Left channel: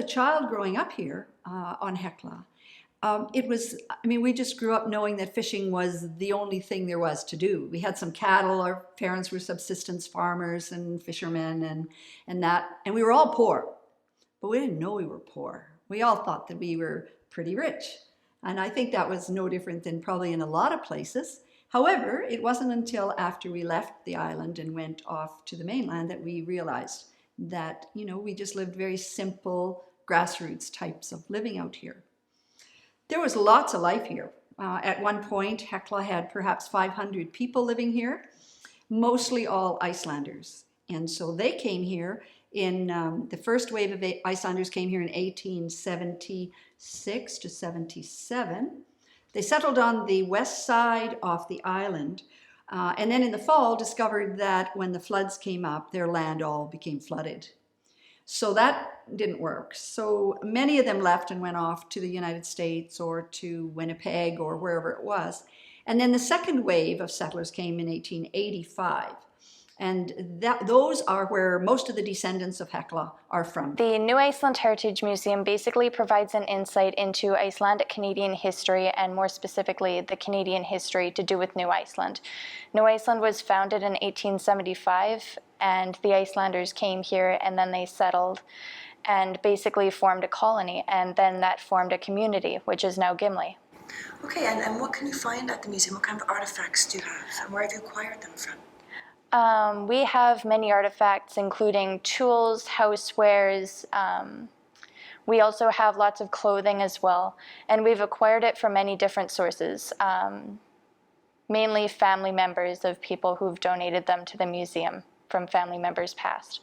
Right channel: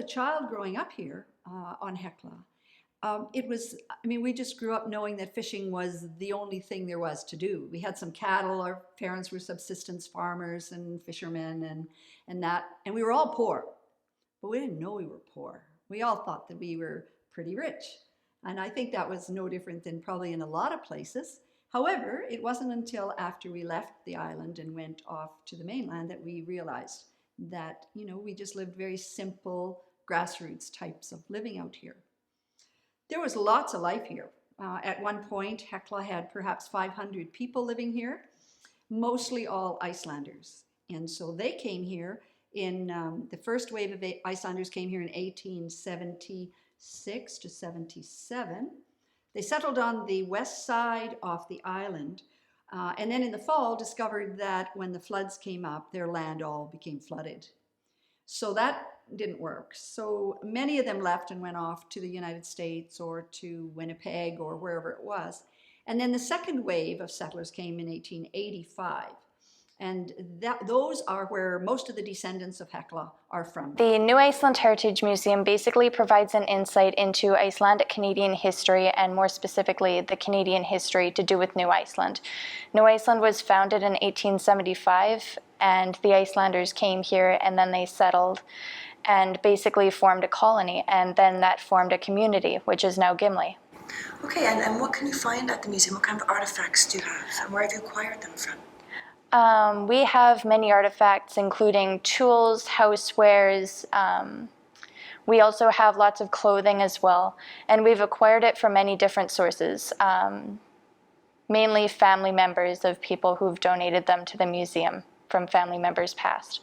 a child growing up here on Hecla, it was, I mean, we just grew up knowing that fishing was the only thing there was to do. We had some cattle, our parents were subsistence farmers and fishermen and that, and we were all poor, but we didn't know we were poor. We all thought that we were pretty rich. And I think that was no different than probably in a lot of places. However, it wasn't until after we left the island and went off to the mainland that we realized that, you know, we just lived very simple grassroots types of living out here. There was lots of life here. At one point, Hecla had perhaps 500 people living here, mostly all Icelanders. And so they came here in, the first wave of Icelanders came here in 1876 to 77. They settled on the west side of the island, and then in the fall discovered that when the floods came up, their land all became flooded. So that didn't work. So many of them left and went off to the United States or to Winnipeg or wherever it was. And then the second wave of settlers came in 1885. And those are where most of the descendants of Hecla are from. The New Iceland Heritage Museum basically provides an insight into Icelandic-Canadian history, and more specifically, the Canadian history to do with New Iceland. New Iceland was founded in 1875, and the Icelanders came here and then they settled and basically formed a colony, and then that formed a community, which is now Gimli. Okay, and what can you find at the museum? What kind of artifacts do you have, and where have you acquired them from? We have many artifacts, including tools, housewares. We also have lots of clothing as well, and we've acquired it from many different sources, mainly family members of people who've donated them to the museum from family members past.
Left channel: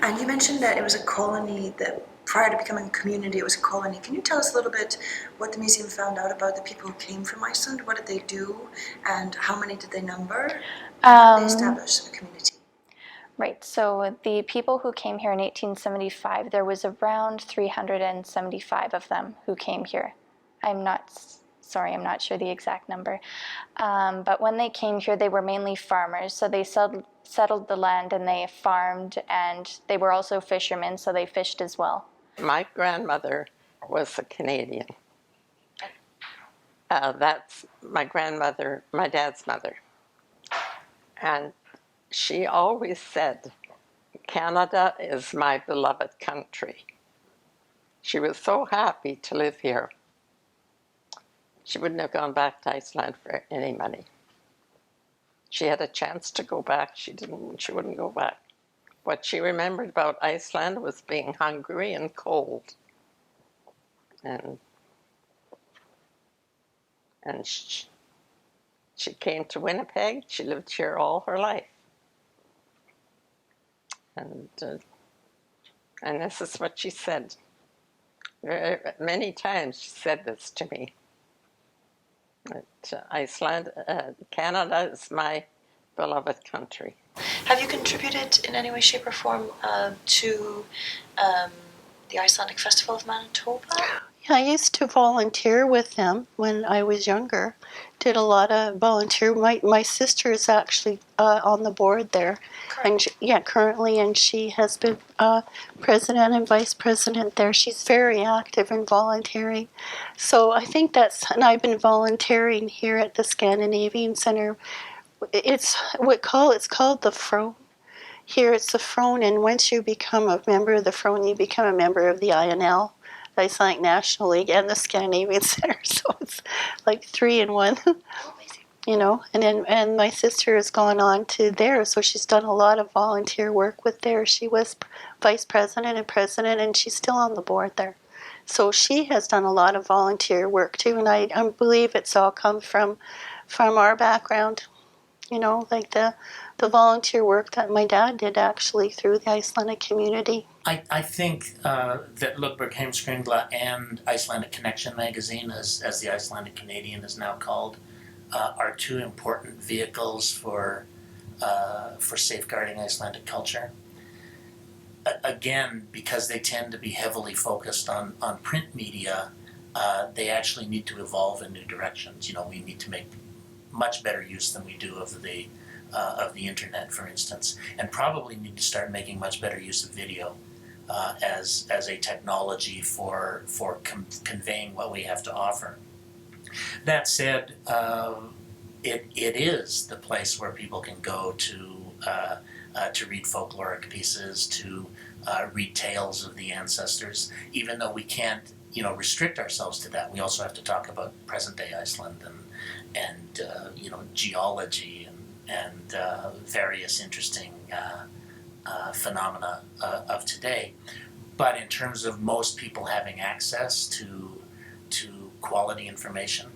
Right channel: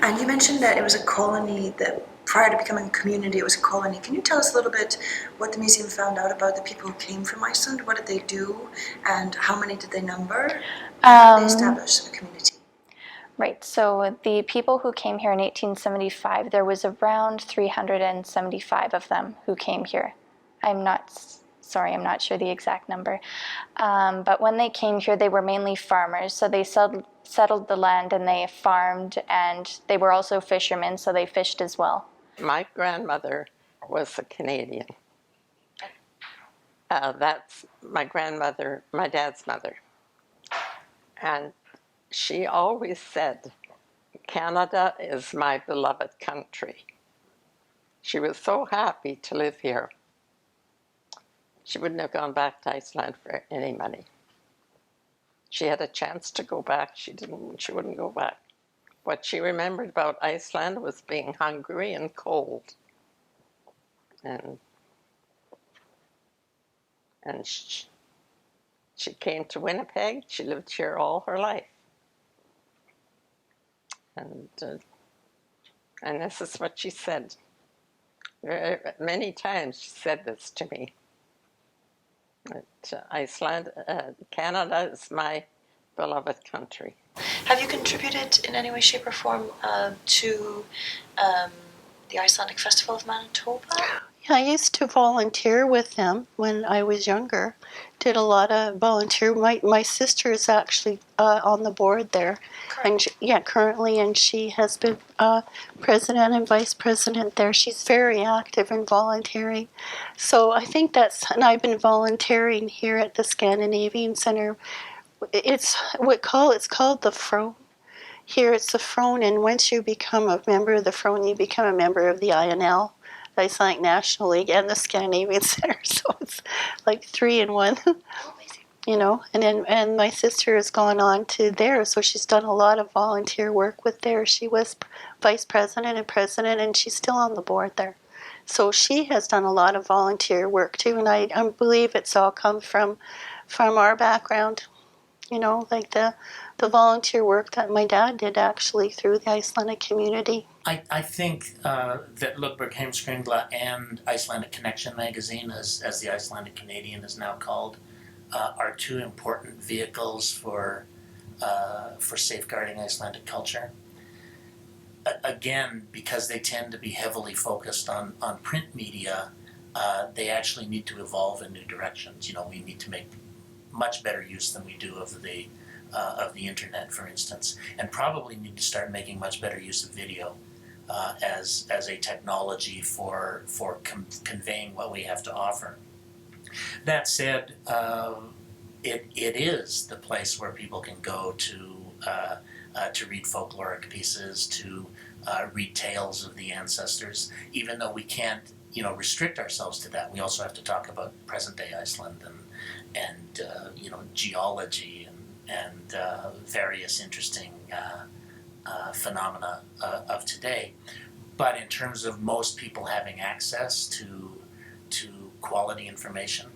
And you mentioned that it was a colony, that prior to becoming a community, it was a colony. Can you tell us a little bit what the museum found out about the people who came from Iceland? What did they do, and how many did they number? How did they establish a community? Right, so the people who came here in 1875, there was around 375 of them who came here. I'm not sure the exact number. But when they came here, they were mainly farmers, so they settled the land and they farmed, and they were also fishermen, so they fished as well. My grandmother was a Canadian. That's my grandmother, my dad's mother. And she always said, "Canada is my beloved country." She was so happy to live here. She wouldn't have gone back to Iceland for any money. She had a chance to go back. She wouldn't go back. What she remembered about Iceland was being hungry and cold. And she came to Winnipeg. She lived here all her life. And this is what she said. Many times she said this to me. Iceland, Canada is my beloved country. Have you contributed in any way, shape, or form to the Icelandic Festival of Manitoba? Yeah, I used to volunteer with them when I was younger. Did a lot of volunteer. My sister is actually on the board there, currently, and she has been president and vice president there. She's very active in volunteering. So I think and I've been volunteering here at the Scandinavian Center. It's called the Frone. Here it's the Frone, and once you become a member of the Frone, you become a member of the INL, the Icelandic National League, and the Scandinavian Center. So it's like 3 in 1. You know, and my sister has gone on to there, so she's done a lot of volunteer work with there. She was vice president and president, and she's still on the board there. So she has done a lot of volunteer work too, and I believe it's all come from our background. You know, like the volunteer work that my dad did actually through the Icelandic community. I think that Ludwig Heimskringla and Icelandic Connection magazine, as the Icelandic-Canadian is now called, are two important vehicles for safeguarding Icelandic culture. Again, because they tend to be heavily focused on print media, they actually need to evolve in new directions. You know, we need to make much better use than we do of the internet, for instance, and probably need to start making much better use of video. as a technology for conveying what we have to offer. That said, it is the place where people can go to read folkloric pieces, to read tales of the ancestors. Even though we can't, restrict ourselves to that, we also have to talk about present-day Iceland and geology and various interesting phenomena of today. But in terms of most people having access to quality information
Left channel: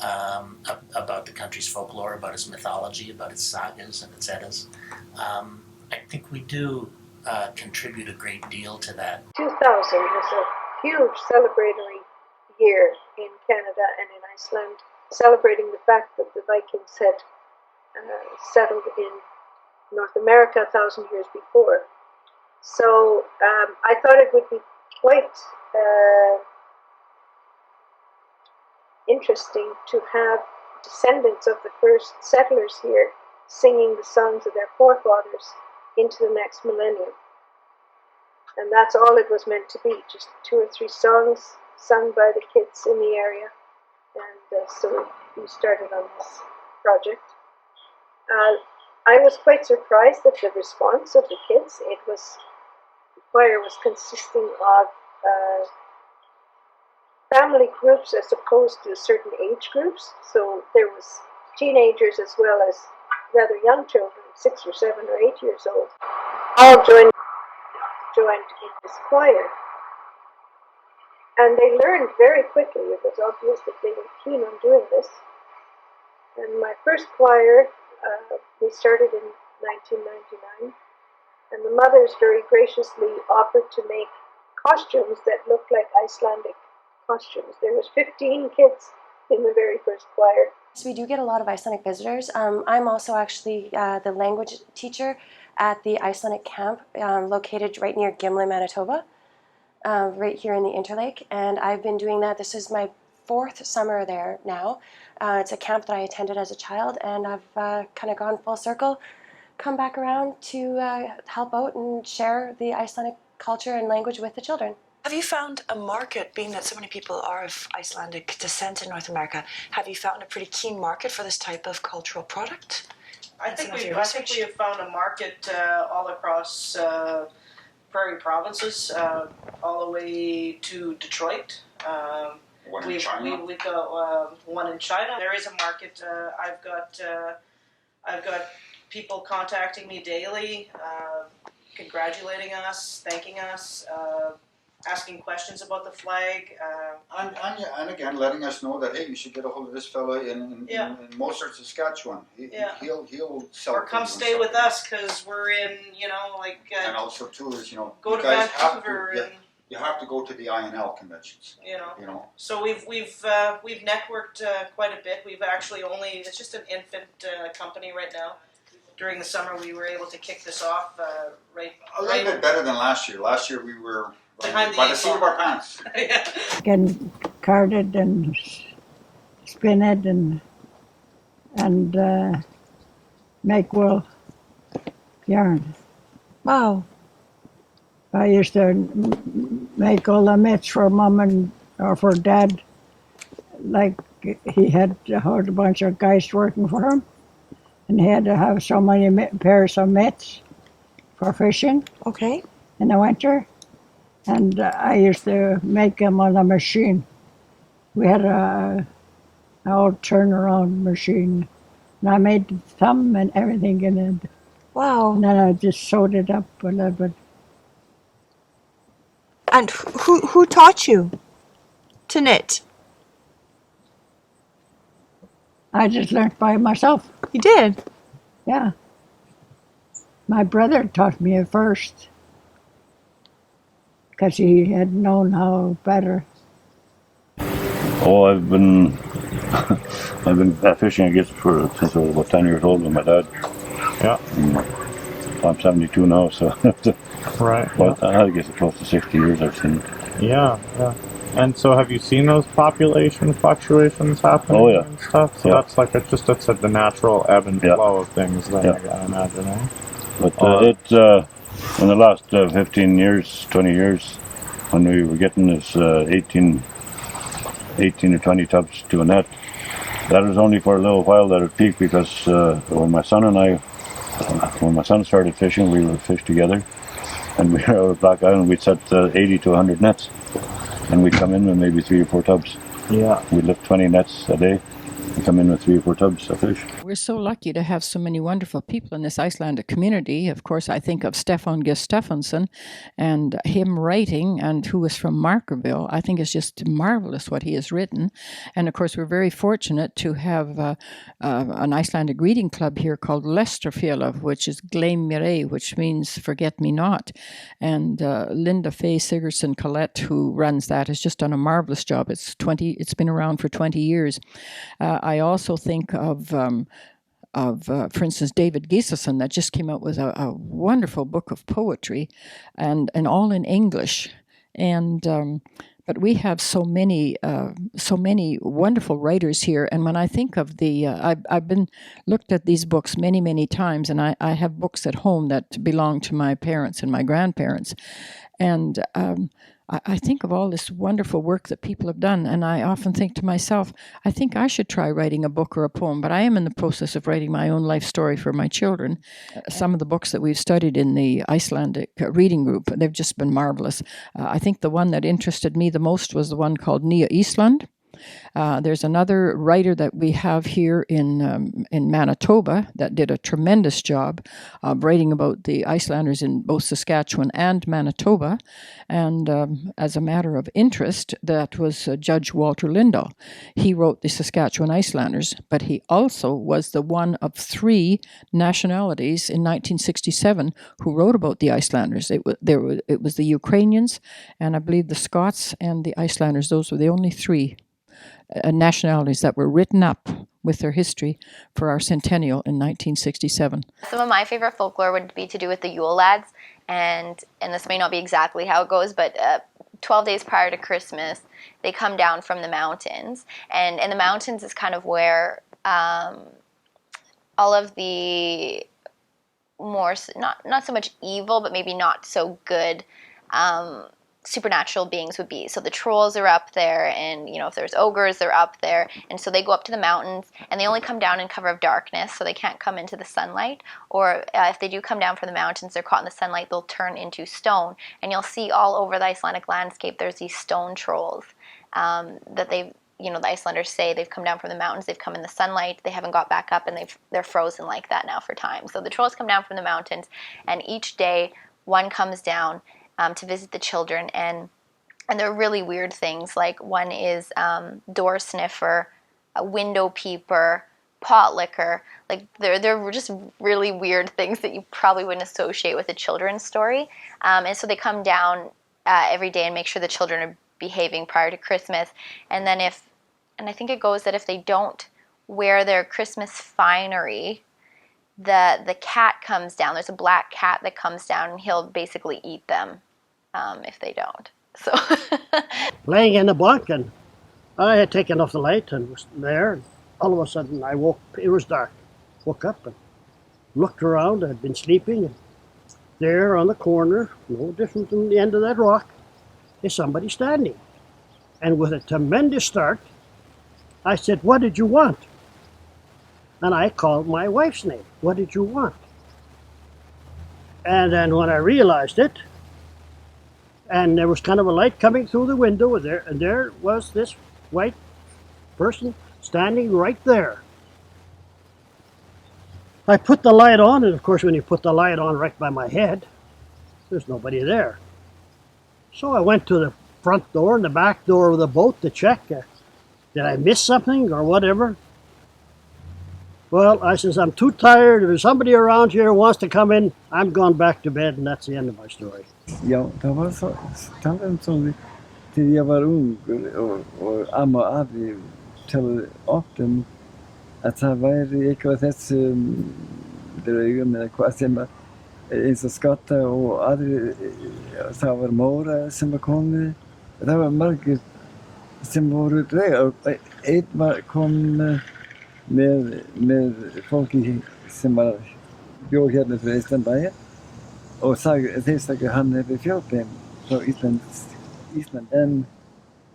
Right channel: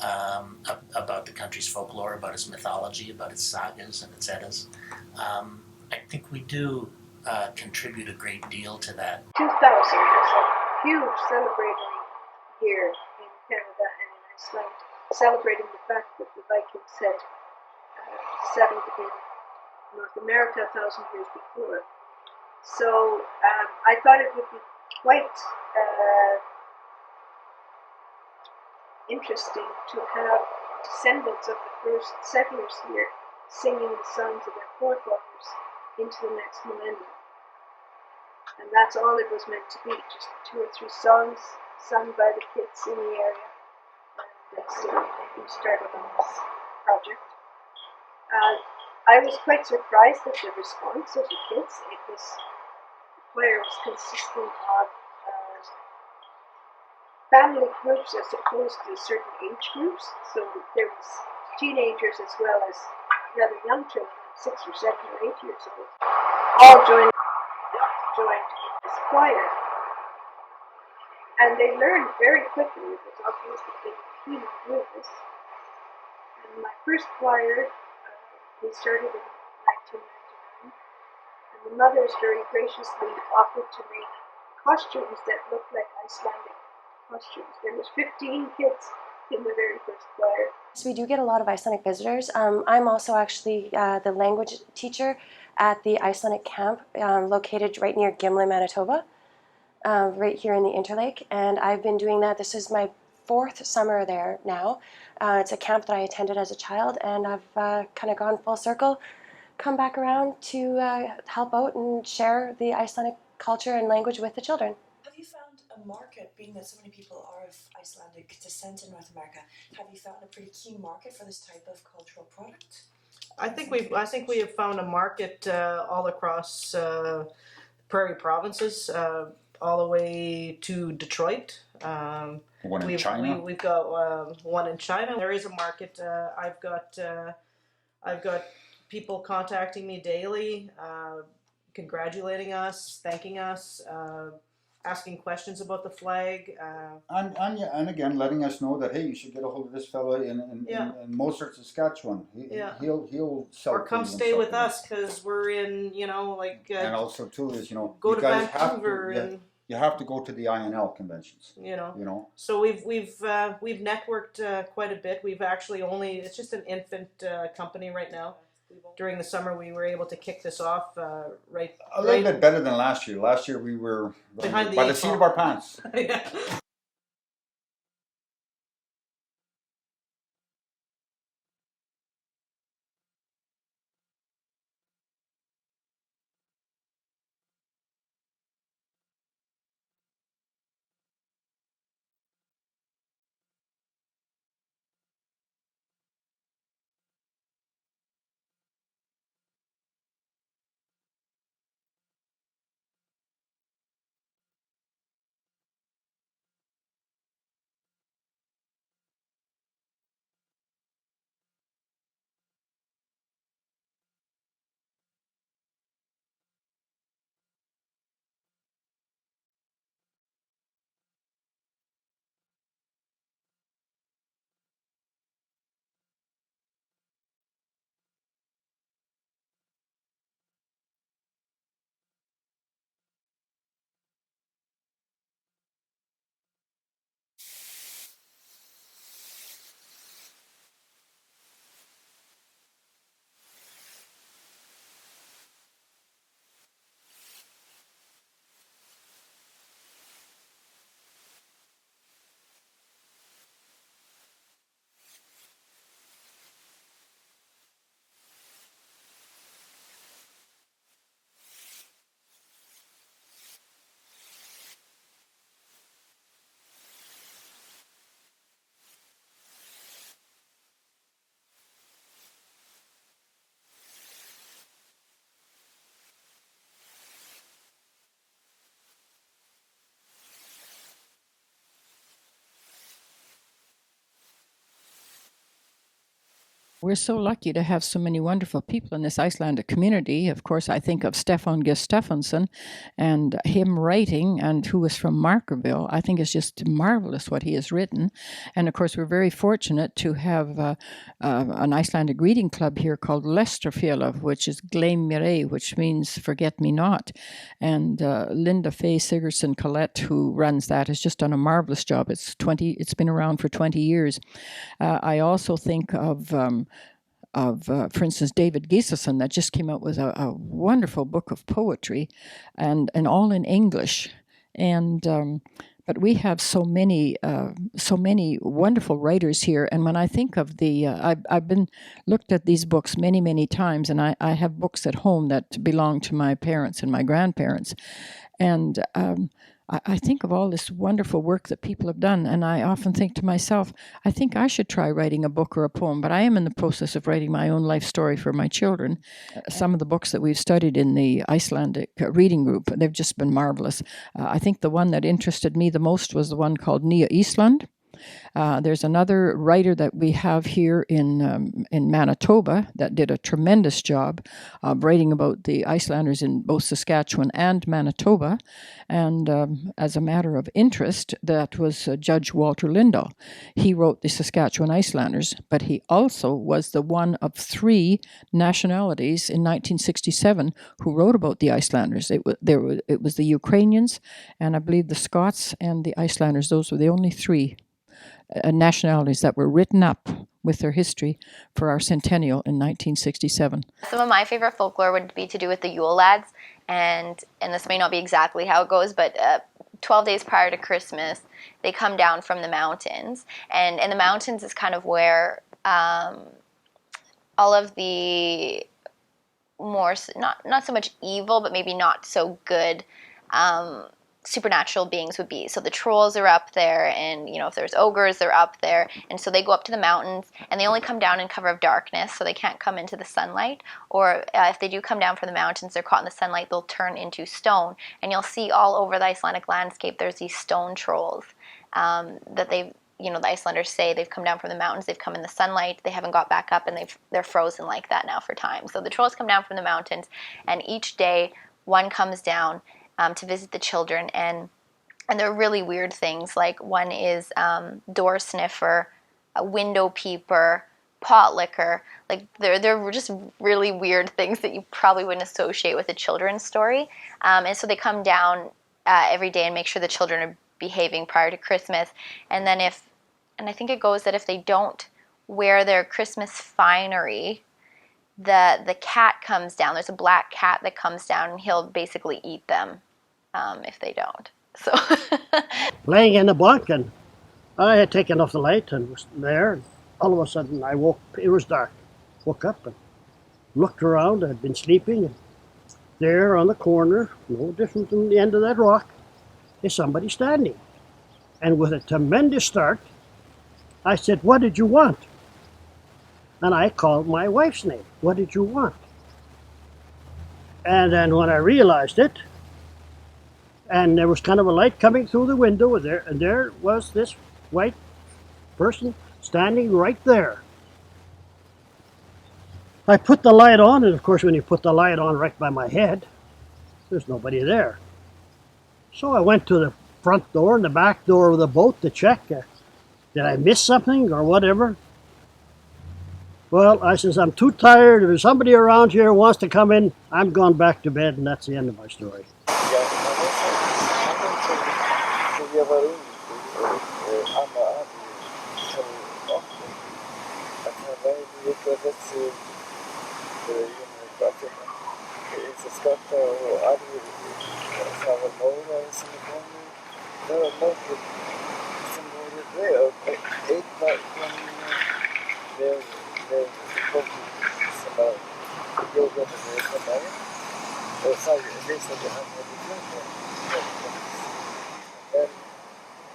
about the country's folklore, about its mythology, about its sagas and its eddas, I think we do contribute a great deal to that. 2000 was a huge celebratory year in Canada and in Iceland, celebrating the fact that the Vikings had settled in North America 1,000 years before. So I thought it would be quite interesting to have descendants of the first settlers here singing the songs of their forefathers into the next millennium. And that's all it was meant to be, just 2 or 3 songs sung by the kids in the area. And so we started on this project. I was quite surprised at the response of the kids. The choir was consisting of family groups as opposed to certain age groups. So there was teenagers as well as rather young children, 6 or 7 or 8 years old, all joined in this choir. And they learned very quickly. It was obvious that they were keen on doing this. And my first choir, we started in 1999, and the mothers very graciously offered to make costumes that looked like Icelandic costumes. There was 15 kids in the very first choir. So we do get a lot of Icelandic visitors. I'm also actually the language teacher at the Icelandic camp located right near Gimli, Manitoba, right here in the Interlake. And I've been doing that. This is my 4th summer there now. It's a camp that I attended as a child, and I've kind of gone full circle, come back around to help out and share the Icelandic culture and language with the children. Have you found a market, being that so many people are of Icelandic descent in North America, have you found a pretty keen market for this type of cultural product? I think we have found a market all across prairie provinces, all the way to Detroit. One in China. We've got one in China. There is a market. I've got people contacting me daily, congratulating us, thanking us, asking questions about the flag. And again, letting us know that, hey, you should get a hold of this fellow in Mozart, Saskatchewan. He'll sell. Or come stay with us because we're in, and also too is go you to guys Vancouver have to, you have to go to the INL conventions. So we've networked quite a bit. We've actually it's just an infant company right now. During the summer, we were able to kick this off a little bit better than last year. Last year we were by the seat of our pants. Can card it and spin it and make wool yarn. Wow. I used to make all the mitts for Mum or for Dad. Like he had a whole bunch of guys working for him. And he had to have so many pairs of mitts for fishing. Okay. In the winter. And I used to make them on a machine. We had an old turnaround machine. And I made the thumb and everything in it. Wow. And then I just sewed it up a little bit. And who taught you to knit? I just learned by myself. You did? Yeah. My brother taught me at first because he had known how better. Oh, I've been fishing, I guess, since I was about 10 years old with my dad. Yeah. I'm 72 now, so right. But yeah. I guess it's close to 60 years I've seen it. Yeah. And so have you seen those population fluctuations happening? Oh, yeah. And stuff? So that's like the natural ebb and flow of things then, I imagine, eh? But in the last 15 years, 20 years, when we were getting this 18 or 20 tubs to a net, that was only for a little while that it peaked, because when my son started fishing, we would fish together, and we were out of Black Island, we'd set 80 to 100 nets, and we'd come in with maybe 3 or 4 tubs. Yeah. We'd lift 20 nets a day and come in with 3 or 4 tubs of fish. We're so lucky to have so many wonderful people in this Icelandic community. Of course, I think of Stefán G. Stephenson and him writing, and who was from Markerville. I think it's just marvelous what he has written. And of course, we're very fortunate to have an Icelandic reading club here called Lestrafélag, which is Gleym mér ei, which means forget me not. And Linda Faye Sigurdsson Collette, who runs that, has just done a marvelous job. It's been around for 20 years. I also think of, for instance, David Gisason, that just came out with a wonderful book of poetry, and all in English. And but we have so many wonderful writers here. And when I think of I've been looked at these books many times, and I have books at home that belong to my parents and my grandparents, and I think of all this wonderful work that people have done, and I often think to myself, I think I should try writing a book or a poem, but I am in the process of writing my own life story for my children. Some of the books that we've studied in the Icelandic reading group, they've just been marvelous. I think the one that interested me the most was the one called Nýja Ísland. There's another writer that we have here in Manitoba that did a tremendous job of writing about the Icelanders in both Saskatchewan and Manitoba. And as a matter of interest, that was Judge Walter Lindahl. He wrote the Saskatchewan Icelanders, but he also was the one of 3 nationalities in 1967 who wrote about the Icelanders. It was the Ukrainians, and I believe the Scots and the Icelanders. Those were the only 3 nationalities that were written up with their history for our centennial in 1967. Some of my favorite folklore would be to do with the Yule lads, and this may not be exactly how it goes, but 12 days prior to Christmas, they come down from the mountains, and the mountains is kind of where all of the more, not so much evil, but maybe not so good supernatural beings would be. So the trolls are up there, and if there's ogres, they're up there, and so they go up to the mountains, and they only come down in cover of darkness, so they can't come into the sunlight. Or if they do come down from the mountains, they're caught in the sunlight, they'll turn into stone, and you'll see all over the Icelandic landscape there's these stone trolls that they've the Icelanders say they've come down from the mountains, they've come in the sunlight, they haven't got back up, and they're frozen like that now for time. So the trolls come down from the mountains, and each day one comes down to visit the children, and they're really weird things. Like one is door sniffer, a window peeper, pot licker. Like they're just really weird things that you probably wouldn't associate with a children's story. And so they come down every day and make sure the children are behaving prior to Christmas. And then and I think it goes that if they don't wear their Christmas finery, the cat comes down. There's a black cat that comes down, and he'll basically eat them if they don't. So laying in the bunk, and I had taken off the light and was there. And all of a sudden I woke. It was dark. Woke up and looked around. I had been sleeping, and there on the corner, no different than the end of that rock, is somebody standing. And with a tremendous start, I said, "What did you want?" And I called my wife's name. "What did you want?" And then when I realized it, and there was kind of a light coming through the window, and there was this white person standing right there. I put the light on, and of course when you put the light on right by my head, there's nobody there. So I went to the front door and the back door of the boat to check. Did I miss something or whatever? Well, I says, I'm too tired. If there's somebody around here who wants to come in, I'm going back to bed, and that's the end of my story. Ja, det var så som när jag var ung och amma och abi tog often att det var ekvatet det är ju med kvasemma i så skatta och abi så var mora som kom och det var mycket som var det upp ett var kom med folk som var bjöd här med Iceland. Och sen säger han hade fjorten på Island.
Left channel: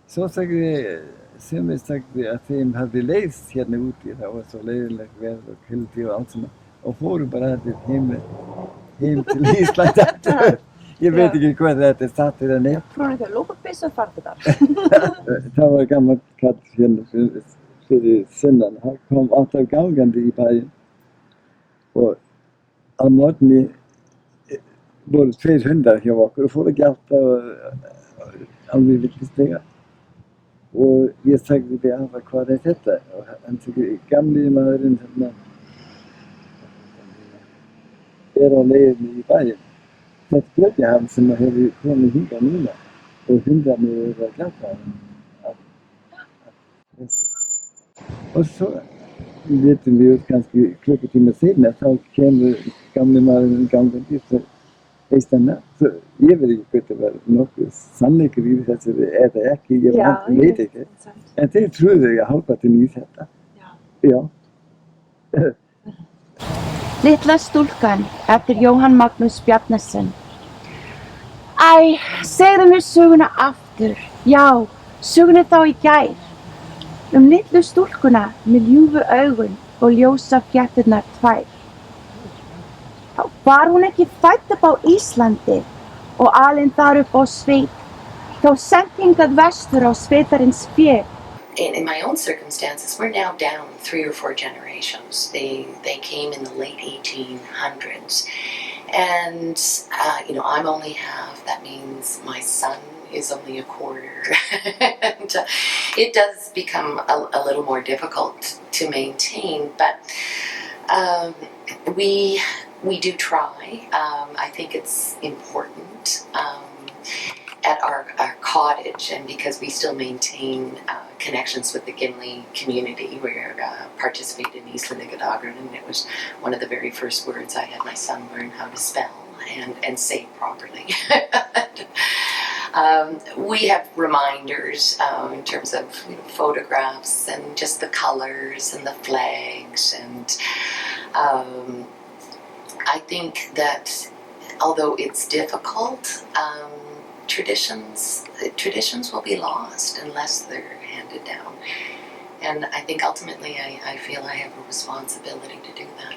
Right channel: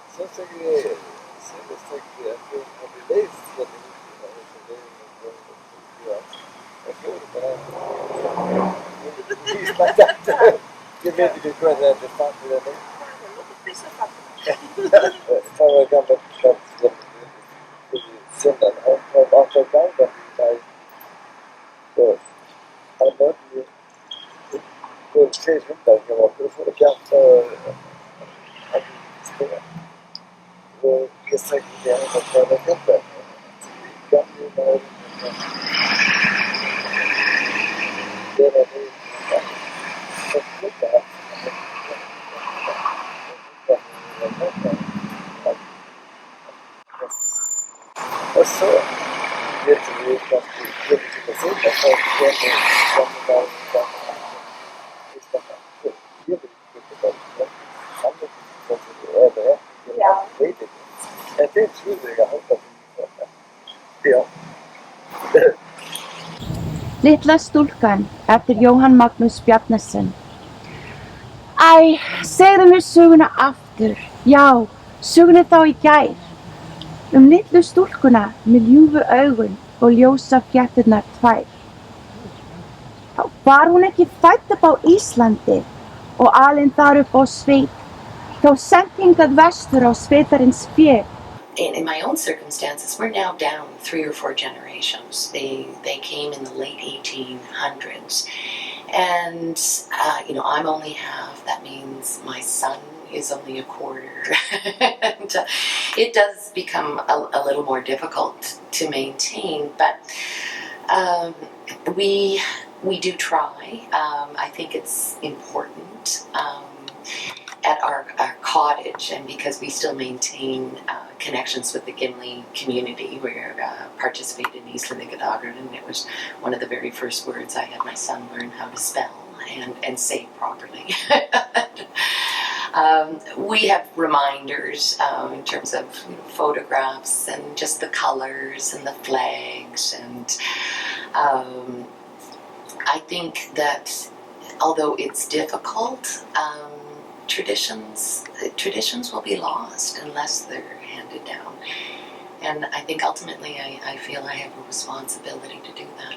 Så säger sen säger att han hade läst hela utgivet och så läste jag helt det allt som och får bara till Island. Jag vet inte vad det är satt i den ner. Från det lågprisat faktiskt. Det var gammalt kattfilm för söndagen. Han var gammal i Italien. Och han måtte med både flere hundar jeg var for å få det glatt og han gjorde ikke springa. Og jeg sa det at det var fett. Han sier gamle næren der nede i Italien. Så spurte jeg ham som hadde kommet hundar mine. Og hundene var glatt. Og så vet vi ganske kjøpet til meg siden. Så kom vi gamle næren i gang og bort. Iceland, så jeg vet ikke hva det var noe sannliker i det, så er det ikke, jeg vet ikke. Jeg tror jeg har håpet til nyheter. Ja. Litla stúlkan eftir Jóhann Magnús Bjarnason. Æ, segðu mér söguna aftur. Já, söguna þá í gær. Litlu stúlkuna með ljúfu augun og ljósa flétturnar tvær. Var hún ekki fædd upp á Íslandi og alin þar upp á sveit, þá sent hingað vestur á sveitarins fé. In my own circumstances, we're now down 3 or 4 generations. They came in the late 1800s. And, I'm only half. That means my son is only a quarter. And it does become a little more difficult to maintain, but we do try. I think it's important at our cottage, and because we still maintain connections with the Gimli community. We participated in Icelandic-Canadian, and it was one of the very first words I had my son learn how to spell and say properly. We have reminders in terms of photographs and just the colors and the flags, and I think that although it's difficult, traditions will be lost unless they're handed down. And I think ultimately I feel I have a responsibility to do that.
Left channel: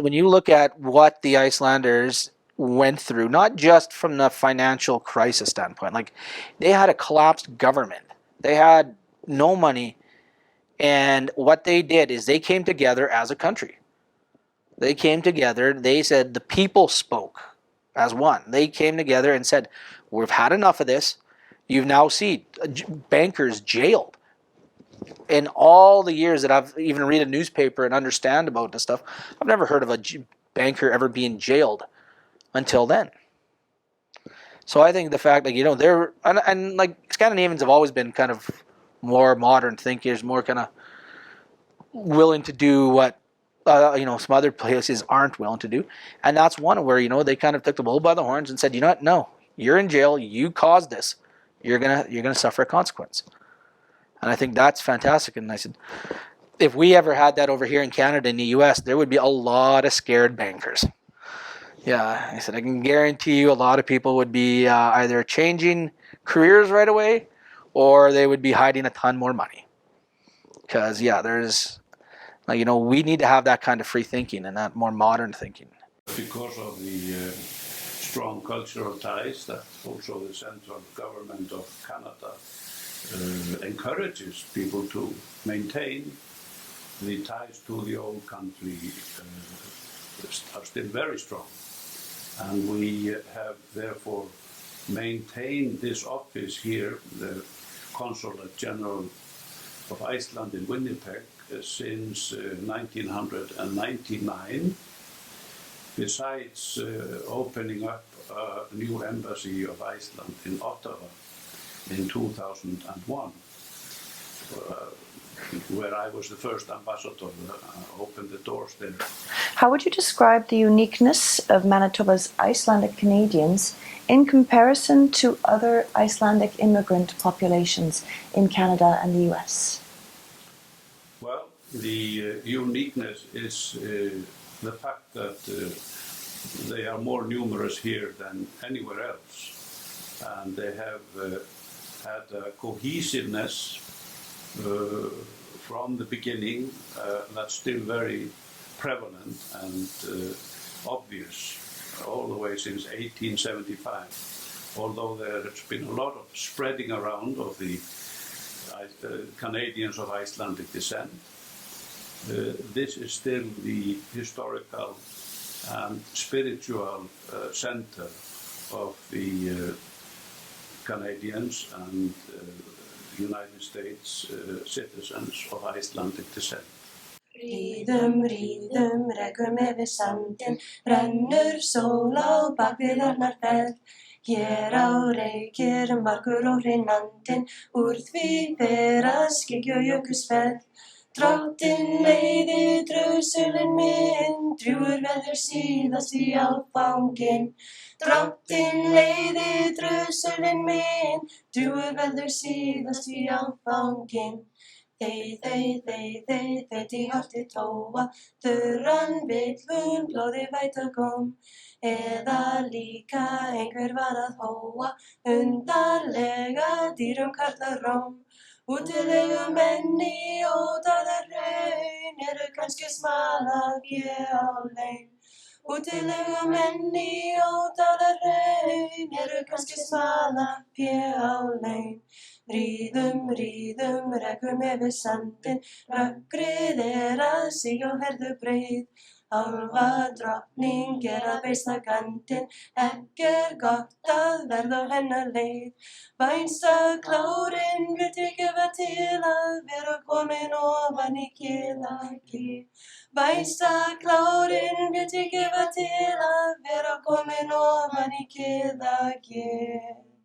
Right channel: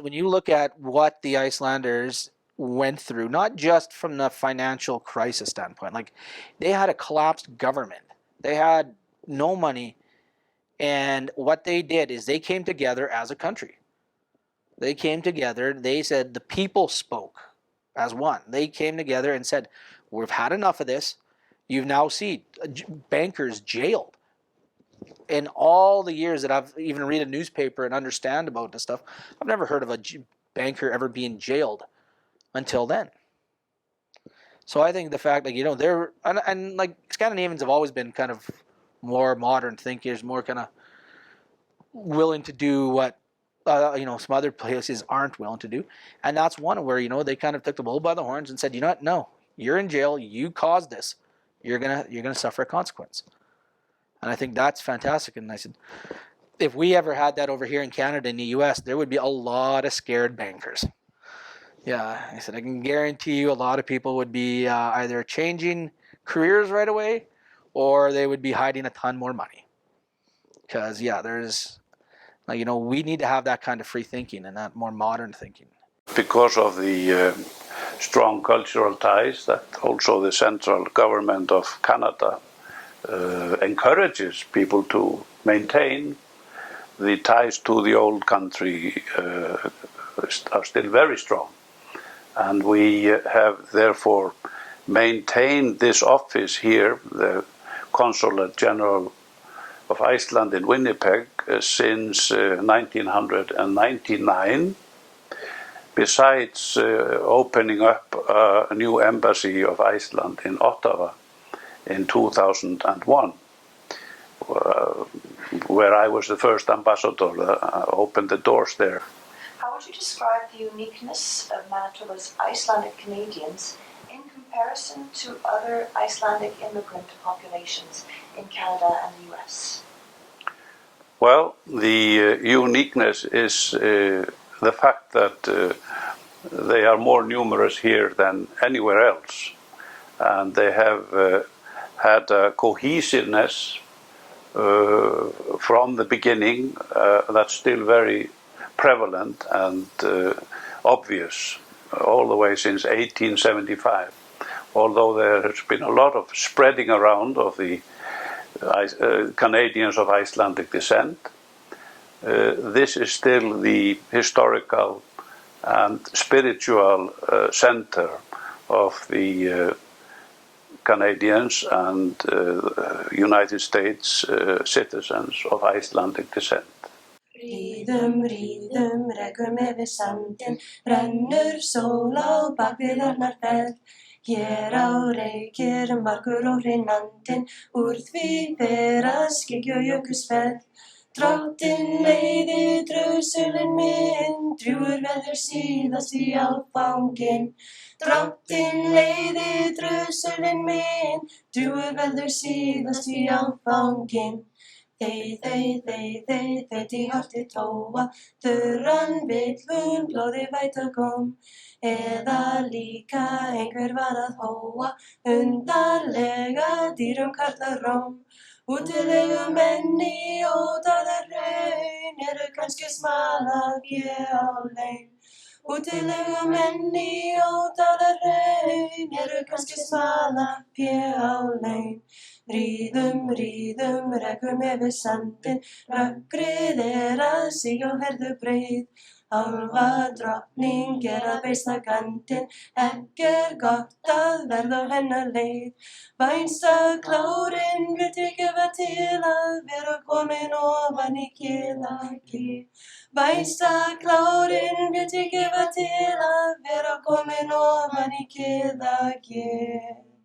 When you look at what the Icelanders went through, not just from the financial crisis standpoint, like they had a collapsed government. They had no money. And what they did is they came together as a country. They came together, they said the people spoke as one. They came together and said, we've had enough of this. You've now seen bankers jailed. In all the years that I've even read a newspaper and understand about this stuff, I've never heard of a banker ever being jailed until then. So I think the fact that, they're, and like Scandinavians have always been kind of more modern thinkers, more kind of willing to do what some other places aren't willing to do. And that's one where, they kind of took the bull by the horns and said, you know what, no, you're in jail, you caused this, you're gonna suffer a consequence. And I think that's fantastic. And I said, if we ever had that over here in Canada and the US, there would be a lot of scared bankers. Yeah, I said, I can guarantee you a lot of people would be either changing careers right away, or they would be hiding a ton more money. Because, there's, we need to have that kind of free thinking and that more modern thinking. Because of the strong cultural ties that also the central government of Canada encourages people to maintain, the ties to the old country are still very strong. And we have therefore maintained this office here, the Consulate General of Iceland in Winnipeg, since 1999, besides opening up a new embassy of Iceland in Ottawa in 2001, where I was the first ambassador that opened the doors there. How would you describe the uniqueness of Manitoba's Icelandic Canadians in comparison to other Icelandic immigrant populations in Canada and the US? Well, the uniqueness is the fact that they are more numerous here than anywhere else. And they have had a cohesiveness from the beginning that's still very prevalent and obvious all the way since 1875. Although there has been a lot of spreading around of the Canadians of Icelandic descent, this is still the historical and spiritual center of the Canadians and United States citizens of Icelandic descent. Ríðum, ríðum, rekum yfir sandinn, rennur sól á bakvið Arnarfell. Hér á reykir margur og hreinandinn, úr því fer að skyggju og jökulsfell. Drottinn leiði drausulinn minn, drjúgur verður síðast í áfanginn. Drottinn leiði drausulinn minn, drjúgur verður síðast í áfanginn. Þey, í horti tóa, þurran vill hún blóði væta kom. Eða líka einhver var að hóa, undarlega dýrum karlar róm. Útilegu menn í ódáðarhraun, eru kannski smala á laun. Útilegu menn í ódáðarhraun, eru kannski smala á laun. Ríðum, ríðum, rekum yfir sandinn, rökkrið að síg og herðu breið. Álfa drottning að beisla gandinn, ekki gott að verða á hennar leið. Vænsta klárinn vill ég gefa til að vera komin ofan í Kiðagil. Vænsta klárinn vill ég gefa til að vera komin ofan í Kiðagil.